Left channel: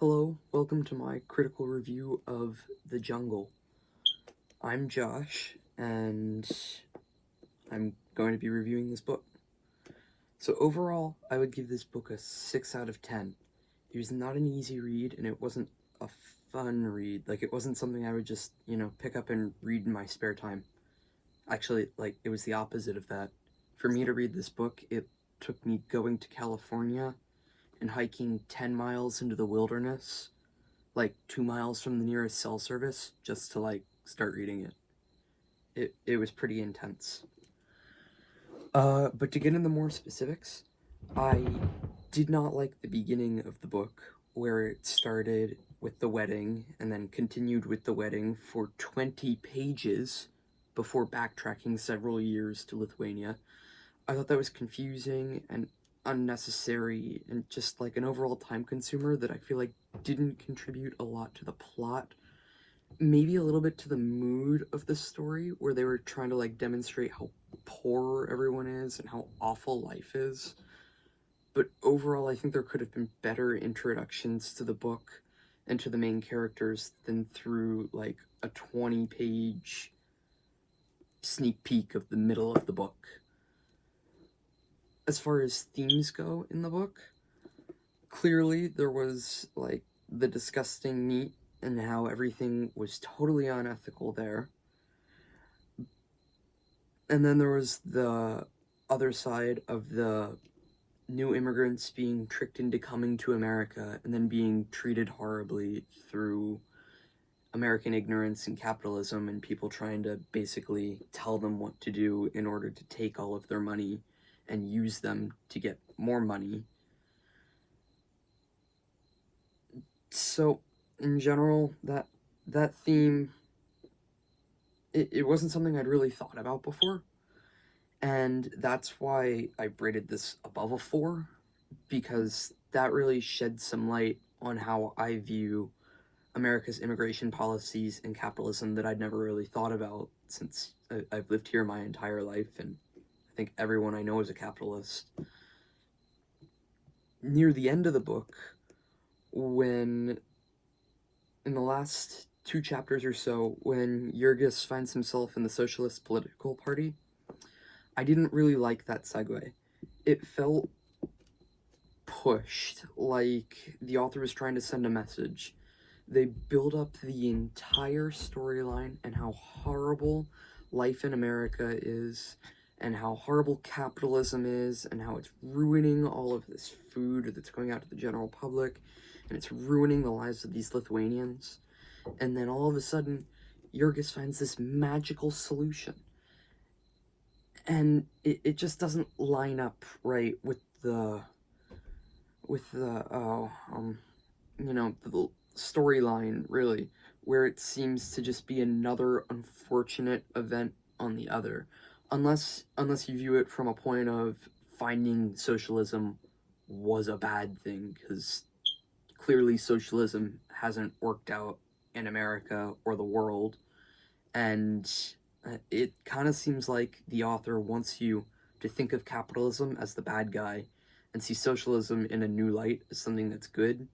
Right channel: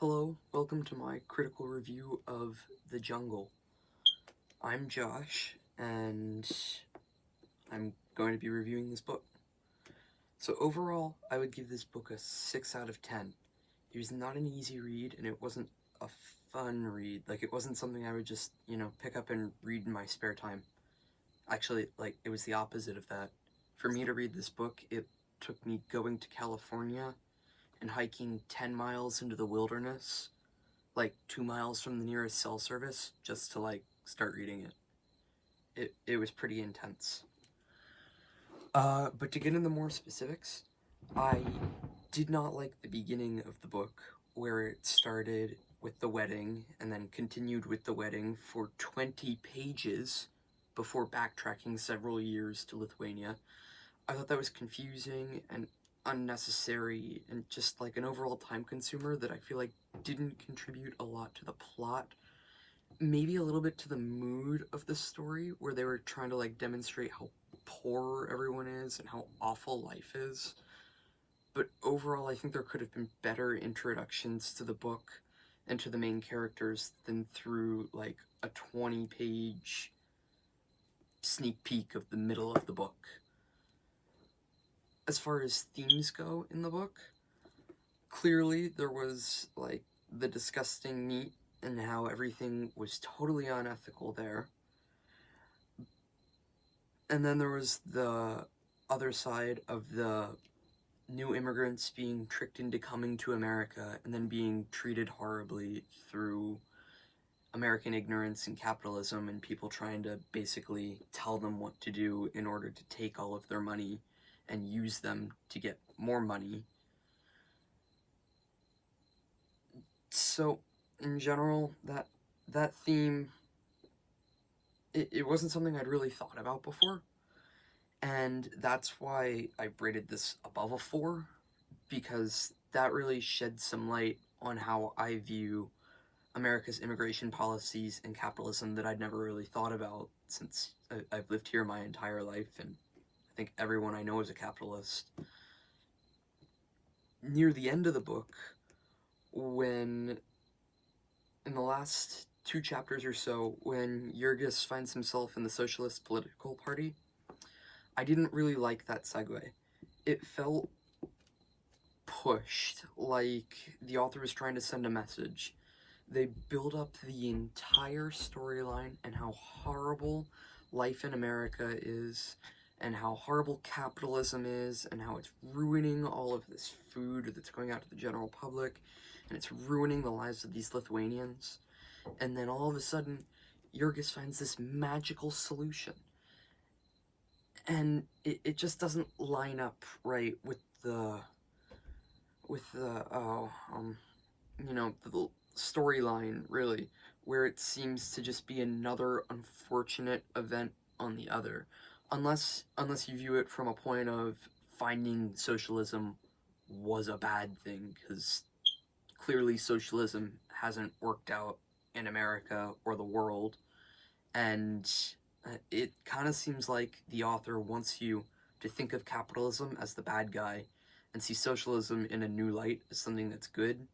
Hello, welcome to my critical review of The Jungle. I'm Josh, and I'm going to be reviewing this book. So overall, I would give this book a 6 out of 10. It was not an easy read, and it wasn't a fun read. Like, it wasn't something I would just, pick up and read in my spare time. Actually, it was the opposite of that. For me to read this book, it took me going to California and hiking 10 miles into the wilderness, 2 miles from the nearest cell service, just to start reading it. It was pretty intense. But to get into more specifics, I did not like the beginning of the book, where it started with the wedding and then continued with the wedding for 20 pages before backtracking several years to Lithuania. I thought that was confusing and unnecessary and just an overall time consumer that I feel like didn't contribute a lot to the plot. Maybe a little bit to the mood of the story, where they were trying to demonstrate how poor everyone is and how awful life is. But overall, I think there could have been better introductions to the book and to the main characters than through a 20-page sneak peek of the middle of the book. As far as themes go in the book, clearly there was the disgusting meat and how everything was totally unethical there. And then there was the other side of the new immigrants being tricked into coming to America and then being treated horribly through American ignorance and capitalism, and people trying to basically tell them what to do in order to take all of their money and use them to get more money. So, in general, that theme, it wasn't something I'd really thought about before, and that's why I rated this above a 4, because that really sheds some light on how I view America's immigration policies and capitalism that I'd never really thought about, since I've lived here my entire life, and I think everyone I know is a capitalist. Near the end of the book, when, in the last 2 chapters or so, when Jurgis finds himself in the Socialist Political Party, I didn't really like that segue. It felt pushed, like the author was trying to send a message. They build up the entire storyline and how horrible life in America is, and how horrible capitalism is, and how it's ruining all of this food that's going out to the general public, and it's ruining the lives of these Lithuanians. And then all of a sudden, Jurgis finds this magical solution. And it just doesn't line up right with the storyline, really, where it seems to just be another unfortunate event on the other. Unless you view it from a point of finding socialism was a bad thing, because clearly socialism hasn't worked out in America or the world, and it kind of seems like the author wants you to think of capitalism as the bad guy and see socialism in a new light as something that's good,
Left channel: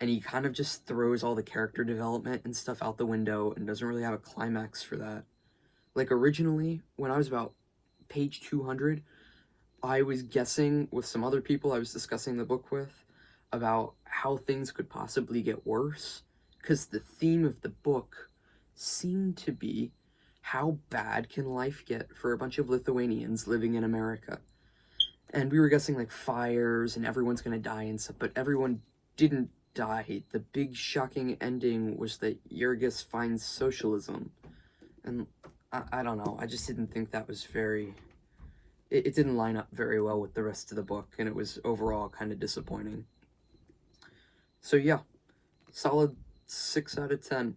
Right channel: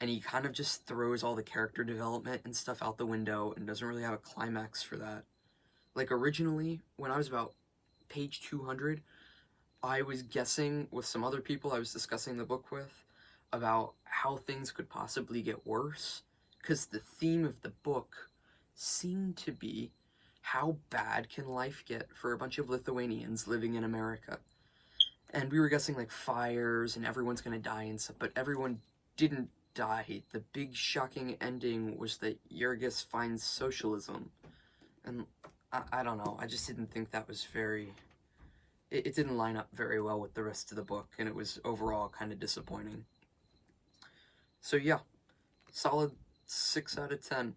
and he kind of just throws all the character development and stuff out the window and doesn't really have a climax for that. Originally, when I was about page 200, I was guessing with some other people I was discussing the book with about how things could possibly get worse, because the theme of the book seemed to be, how bad can life get for a bunch of Lithuanians living in America? And we were guessing fires and everyone's gonna die and stuff, but everyone didn't die. The big shocking ending was that Jurgis finds socialism. And I don't know, I just didn't think that was it didn't line up very well with the rest of the book, and it was overall kind of disappointing. So yeah, solid 6 out of 10.